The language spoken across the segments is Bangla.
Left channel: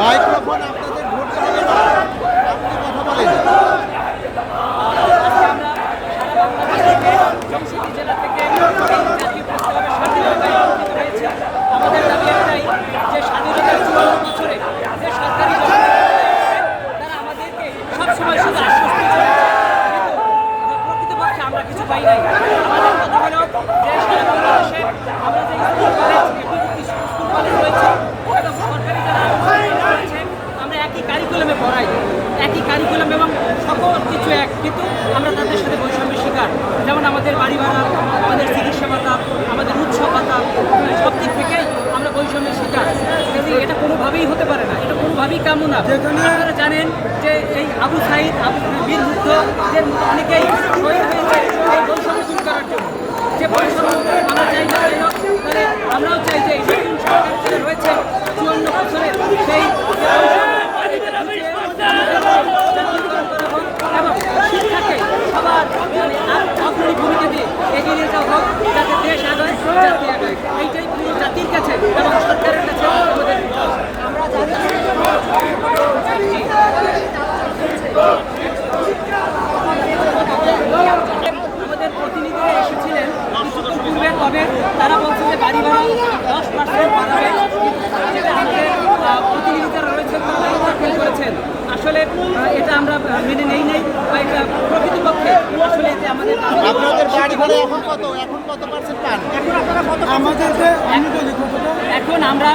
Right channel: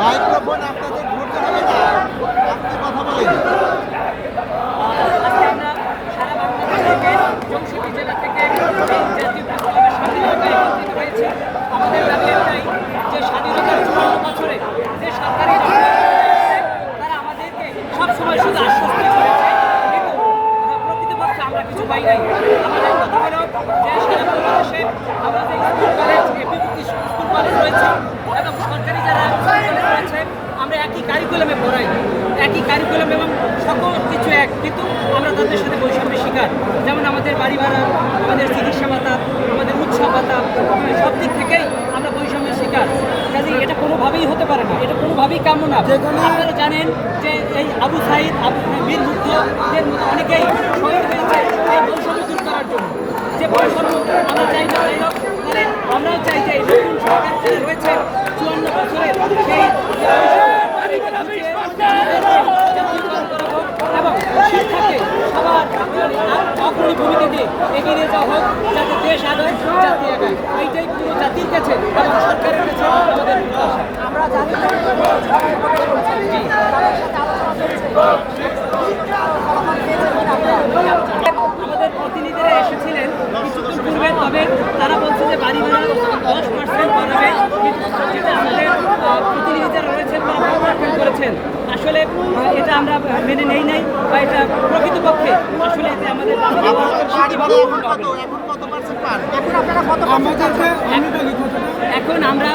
মাইক্রোফোন আপনাদের ধরতে হবে না, আপনি কথা বলেন। আজকে আমরা সারা বাংলাদেশে চৌষট্টি জেলা থেকে জাতীয় প্রেস ক্লাবের স্বাধীনতা একত্রিত হয়েছে। আমাদের দাবি একটাই যে স্বাধীনতার ৫৪ বছরে যে সরকারি তারা আমাদেরকে সবসময় শুধু আশ্বস্ত করেছে, কিন্তু প্রকৃতপক্ষে আমরা কিছু পাই নাই। আমাদের কথা হলো যে সারা বাংলাদেশে আমাদের স্কুল কলেজ এপিভিটি স্কুল কলেজ রয়েছে এবং সরকারি যারা রয়েছে আমরা একই কারিকুলামে পড়াই, একই কারিকুলাম এবং সকল কিছু এক, কিন্তু আমরা তাদের সাথে বৈষম্যের শিকার। যেমন আমাদের বাড়ি ভাড়া, আমাদের চিকিৎসা ভাতা, আমাদের উৎসব ভাতা, সব দিক থেকেই আমরা বৈষম্যের শিকার। কাজে এটা কোনোভাবেই হতে পারে না, এটা কোনোভাবেই কাম্য না। আপনারা জানেন যে এই আবু সাইদ বীর যুদ্ধের অনেকেই শহীদ হয়েছে এই বৈষম্য দূর করার জন্য। যে বৈষম্য আমরা চাই না, মানে আমরাও চাই যে এই নতুন সরকার রয়েছে ৫৪ বছরে সেই এবং শিক্ষাকে সবার আপনি ভূমিকা দিয়ে এগিয়ে নিয়ে যাওয়া হোক, যাতে দেশ আগায়, জাতি আগায়। এইটাই পুরো জাতির কাছে এবং সরকারের কাছে আমাদের আমরা আমাদের প্রতিনিধিরা এসেছিলেন পূর্বে, তবে তারা বলছে যে বাড়ি ভাড়া 10% বাড়াবে। প্রতিনিধি যারা রয়েছেন তারা দাখিল করেছেন। আসলে এটা আমরা মেনে নেই নাই, বা এটা প্রকৃতপক্ষে আসলে এতে আমাদের আপনাদের বাড়ি ভাড়া এখন কত? এখন কত পার্সেন্ট পান? এখন আপনারা কত এখন আমরা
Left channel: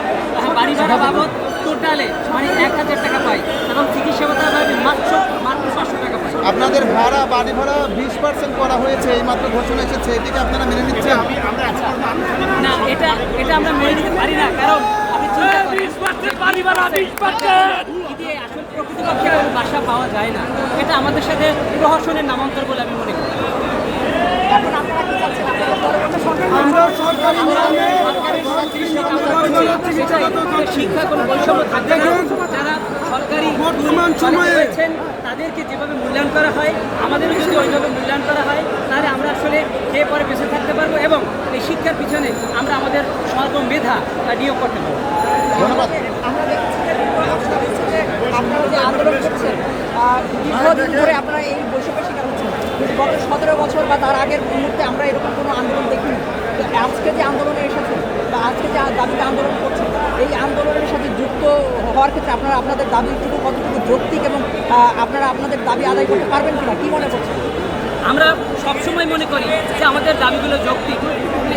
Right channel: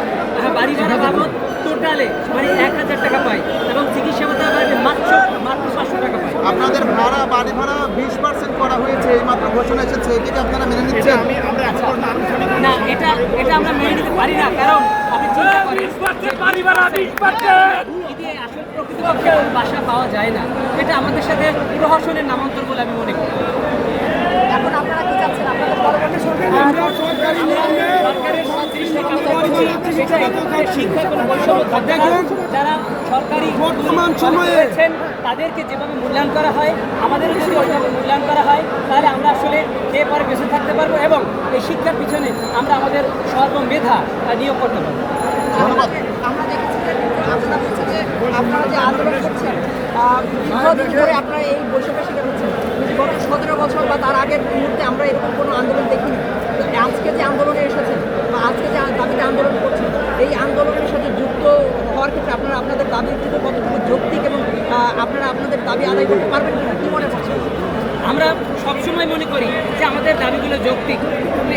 বাড়ি ভাড়া বাবদ টোটালে মানে ১,০০০ টাকা পাই এবং চিকিৎসা ভাতা পাই মাত্র ৫০০ টাকা পাই। আপনাদের ভাড়া বাড়ি ভাড়া 20% করা হয়েছে, এই মাত্র ঘোষণা এসেছে, এটাকে আপনারা মেনে নিচ্ছেন? না, এটা আমরা মেনে নিতে পারি না, কারণ আপনি চিন্তা করেন বাড়ি ভাড়া 20% যদি আসলে প্রকৃতপক্ষে বাসা পাওয়া যায় না, এটা আমাদের সাথে প্রহসনের নামান্তর বলে আমি মনে করি। এখন আপনারা কি চাচ্ছেন? আপনাদের পরবর্তী সরকার শিক্ষা কোনো বৈষম্য থাকবে না। যারা সরকারি বর্তমান সময়ে রয়েছেন তাদেরকে যেভাবে মূল্যায়ন করা হয়, আমাদেরও যদি ওইভাবে মূল্যায়ন করা হয়, তাহলে আমরা আসলে এ পরে বেঁচে থাকতে পারবো এবং এই শিক্ষার পিছনে আমরা আমাদের সর্বমেধা নিয়োগ করতে পারবো। ধন্যবাদ। আমরা দেখছি যে আপনারা যে আন্দোলন করছেন দীর্ঘদিন ধরে আপনারা এই বৈষম্যের শিকার হচ্ছেন। গত ১৭ বছর বা তার আগের মুহূর্তে আমরা এরকম কোনো আন্দোলন দেখিনি। আজকে যে আন্দোলনে এসেছেন বা আজকে যে দাবিতে আন্দোলন করছেন, এই আন্দোলনের সাথে যুক্ত হওয়ার ক্ষেত্রে আপনারা আপনাদের দাবিটুকু কতটুকু যৌক্তিক এবং আপনারা আপনাদের দাবি আদায় করতে পারবেন কিনা, কী মনে করছেন? আমরা সবসময় মনে করি যে আমাদের দাবিগুলো যৌক্তিক।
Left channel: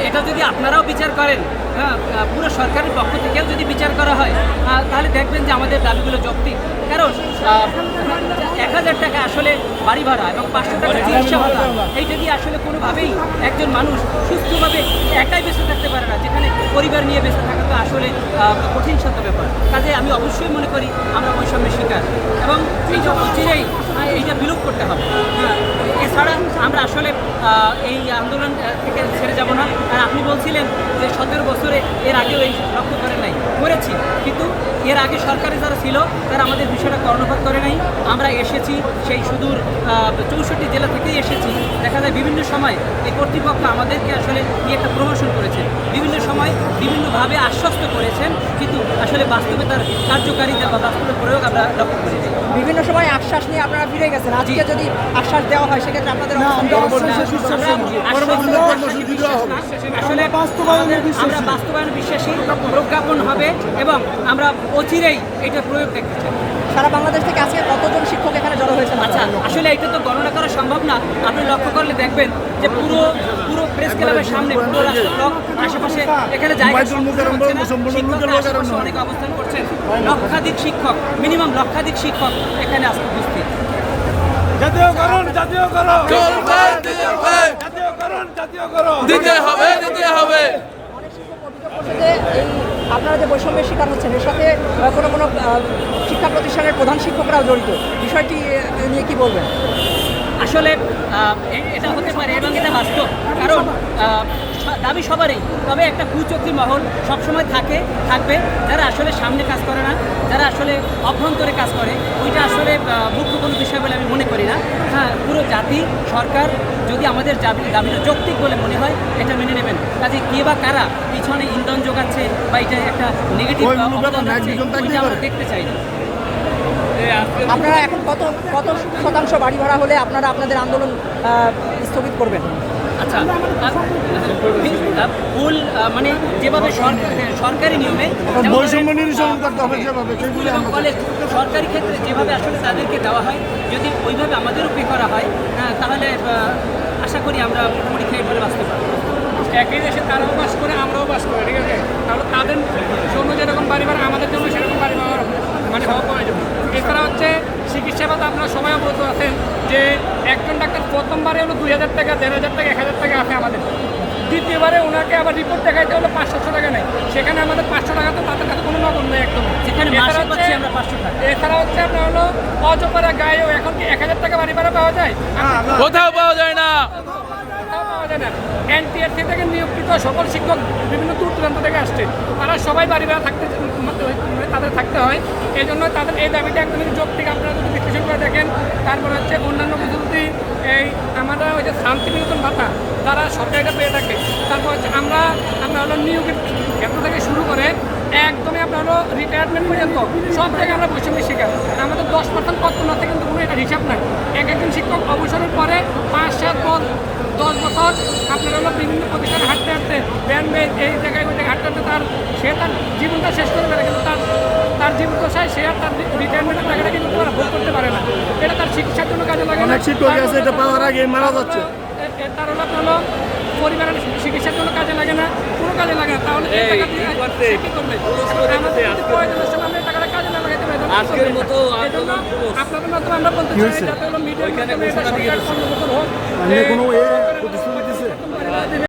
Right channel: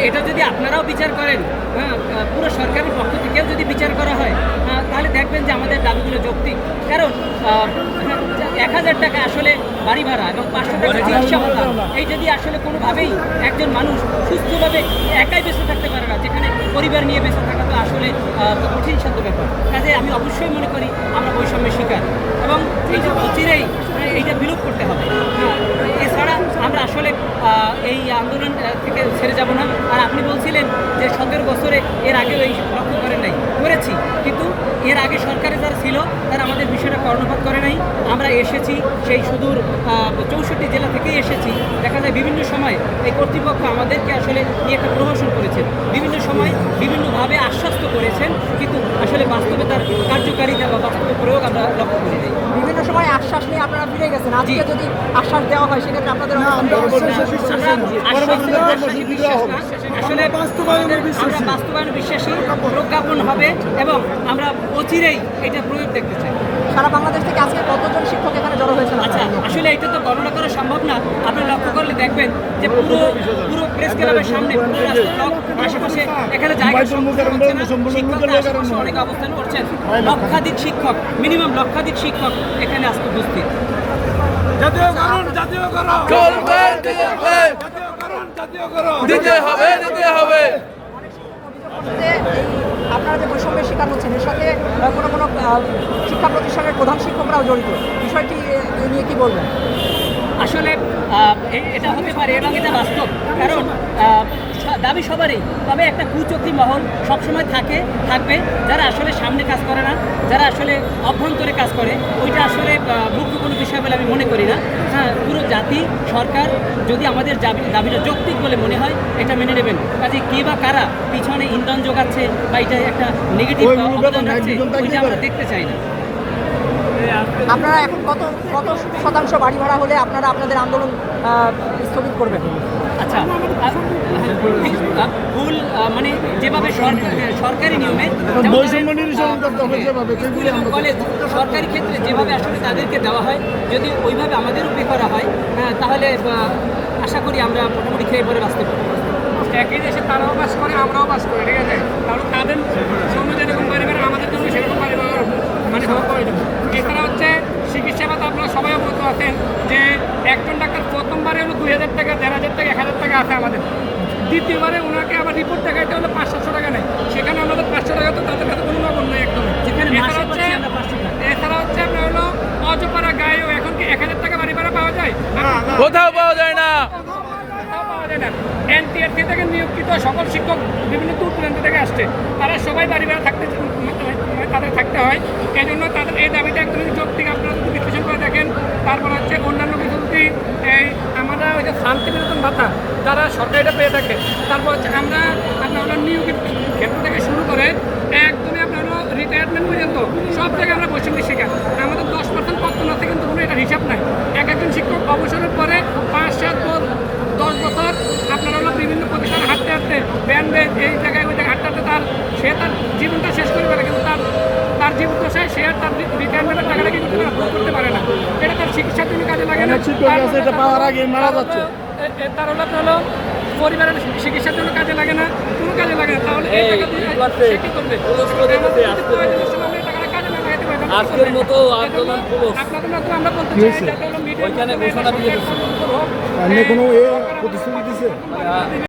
এটা যদি আপনারাও বিচার করেন, হ্যাঁ, পুরো সরকারের পক্ষ থেকেও যদি বিচার করা হয়, তাহলে দেখবেন যে আমাদের দাবিগুলো যৌক্তিক। কারণ ১,০০০ টাকা আসলে বাড়ি ভাড়া এবং ৫০০ টাকা চিকিৎসা ভাতা, এইটা দিয়ে আসলে কোনোভাবেই একজন মানুষ সুস্থভাবে একাই বেঁচে থাকতে পারে না, যেখানে পরিবার নিয়ে বেঁচে থাকা তো আসলে কঠিন সাধ্য ব্যাপার। কাজে আমি অবশ্যই মনে করি আমরা বৈষম্যের শিকার এবং এইসব অচিরেই এইটা বিলোপ করতে হবে। এছাড়া আমরা আসলে এই আন্দোলন থেকে ছেড়ে যাব না। আর আপনি বলছিলেন যে ১৭ বছরে এর আগেও এই লক্ষ্য করেন নাই, করেছি, কিন্তু এর আগে সরকারে যারা ছিল তারা আমাদের বিষয়টা কর্ণপাত করে নাই। আমরা এসেছি সেই সুদূর ৬৪ জেলা থেকেই এসেছি। দেখা যায় বিভিন্ন সময় এই কর্তৃপক্ষ আমাদেরকে আসলে নিয়ে একটা প্রহসন করেছেন, বিভিন্ন সময় বিভিন্নভাবে আশ্বস্ত করেছেন, কিন্তু আসলে বাস্তবে তার কার্যকারিতা বা বাস্তবে প্রয়োগ আমরা লক্ষ্য করি নাই। বিভিন্ন সময় আশ্বাস নিয়ে আপনারা ফিরে গেছেন, আজকে যদি আশ্বাস দেওয়া হয় সেক্ষেত্রে আপনাদের আসলে আমরা বাস্তবায়ন বিশ্বাসী, প্রজ্ঞাপন হবে এবং আমরা অচিরেই এটা প্রয়োগ দেখতে চাই। সারা বাংলাদেশ থেকে আজকে কতজন শিক্ষক এখানে জড়ো হয়েছেন? আচ্ছা, আসলে এটা তো গণনা করা সম্ভব না। আপনি লক্ষ্য করলে দেখবেন যে পুরো প্রেস ক্লাবের সামনে পুরো রাস্তার আশেপাশে এখানে জায়গা অনেক অবস্থান করছেন। লক্ষাধিক শিক্ষক, মিনিমাম লক্ষাধিক শিক্ষক এখানে আসতে উপস্থিত। জাতীয়করণ চলবে, দিতে হবে। আপনারা যে বৈষম্যের শিকার হচ্ছেন, এর সাথে কোনো শিক্ষা প্রতিষ্ঠানের প্রধান শিক্ষকরাও জড়িত, বিষয়টি নিয়ে কি বলবেন? আসলে এটা হতে পারে এবং এটা বাস্তব, কারণ দাবি সবারই, তবে একটা কুচক্রী মহল সবসময় থাকবে, যারা আসলে সামনে কাজ করে না, যারা আসলে অভ্যন্তরে কাজ করে, ওইটা আসলে মুখ্য কোনো বিষয় বলে আমি মনে করি না। হ্যাঁ, পুরো জাতি সরকার যদি আমাদের দাবিটা যৌক্তিক বলে মনে হয় এটা মেনে নেবেন। কাজে কে বা কারা পিছনে ইন্ধন যোগাচ্ছে বা এটা একটা নেগেটিভ অবদান রাখছে, ওইটা আমরা দেখতে চাই না। আপনারা এখন কত শতাংশ বাড়ি ভাড়া হলে আপনারা আপনাদের আন্দোলন স্থগিত করবেন? আচ্ছা, ফুল মানে যেভাবে সরকারি নিয়মে বৈষম্য নিরসন করতে হবে যেভাবে, সেগুলি আমরা কলেজ সরকারি ক্ষেত্রে যেভাবে আসলে তাদেরকে দেওয়া হয়, যদি ওইভাবে আমাদেরও পে করা হয়, তাহলে আশা করি আমরা মোটামুটি খেয়ে পরে বাঁচতে পারবো। একই দেশে তারাও বাস করে, আমরাও বাস করি, ঠিক আছে? তাহলে তাদের জন্য যেরকম বাড়ি ভাড়া, আমাদের জন্য সেরকম বাড়ি ভাড়া মানে হওয়া প্রয়োজন। এছাড়া হচ্ছে চিকিৎসা ভাতা, আপনারা সবাই অবগত আছেন যে একজন ডাক্তার প্রথমবারে হলো 2000 টাকা, 1500 টাকা, 1000 টাকা আছে আমাদের। দ্বিতীয়বারে ওনাকে আবার রিপোর্ট দেখাইতে হলো 500 টাকা নেয়, সেখানে আমাদের 500 টাকা তো তাদের কাছে কোনো নগদ নেই একদম। যেখানে মাসে পাচ্ছি আমরা 500 টাকা। এছাড়া হচ্ছে আপনার হলো অজপাড়া গায়েও এখন কি 1000 টাকা বাড়ি ভাড়া পাওয়া যায়? কোথাও পাওয়া যায় না। কোথাও পাওয়া যায় না। এনটিআরসি থেকে নিয়োজিত সকল শিক্ষক বিভিন্ন দূর দূরান্ত থেকে আসছে, তারা সবাই বাড়ি ভাড়া তাদের থাকতে হয়। এই জন্য তাদের এই দাবিটা একদমই যৌক্তিক। আপনারা যদি বিশ্লেষণ করে দেখেন, তারপর হচ্ছে অন্যান্য কিছু যদি আমরা ওই যে শান্তি বিনোদন ভাতা যারা সরকারিটা পেয়ে থাকে, তারপর হচ্ছে আমরা আপনার হলো নিয়োগের ক্ষেত্র থেকে শুরু করে একদমই আপনার হলো রিটায়ারমেন্ট পর্যন্ত সব জায়গায় আমরা বৈষম্যের শিকার। আমাদের 10% পত্র না থেকে কিন্তু কোনো একটা হিসাব নাই। একজন শিক্ষক অবসরের পরে 5, 7, 10 বছর আপনার হলো বিভিন্ন প্রতিষ্ঠানে হাঁটতে ব্যান্ডেজ এই জায়গায় ওই জায়গায় হাঁটতে সে তার জীবনটা শেষ করে ফেলে, কিন্তু তার জীবন দশায় সে আর তার রিটায়ারমেন্টের টাকাটা কিন্তু ভোগ করতে পারে না। এটা তার চিকিৎসার জন্য কাজে লাগে না, এটা পাওয়ার আগে মারা যাচ্ছে। তার হলো আপনার হলো পরিবারের চিকিৎসার জন্য কাজে লাগে না, কোনো কাজে লাগে না। তাহলে আজকের মতো আন্দোলন আপনাদের মাধ্যমে আমরা বলতে চাই যাতে হলো মিডিয়া ওইখানে ঘোষণা দিয়ে দিচ্ছে। কোনো প্রতিশ্রুতি দিচ্ছে।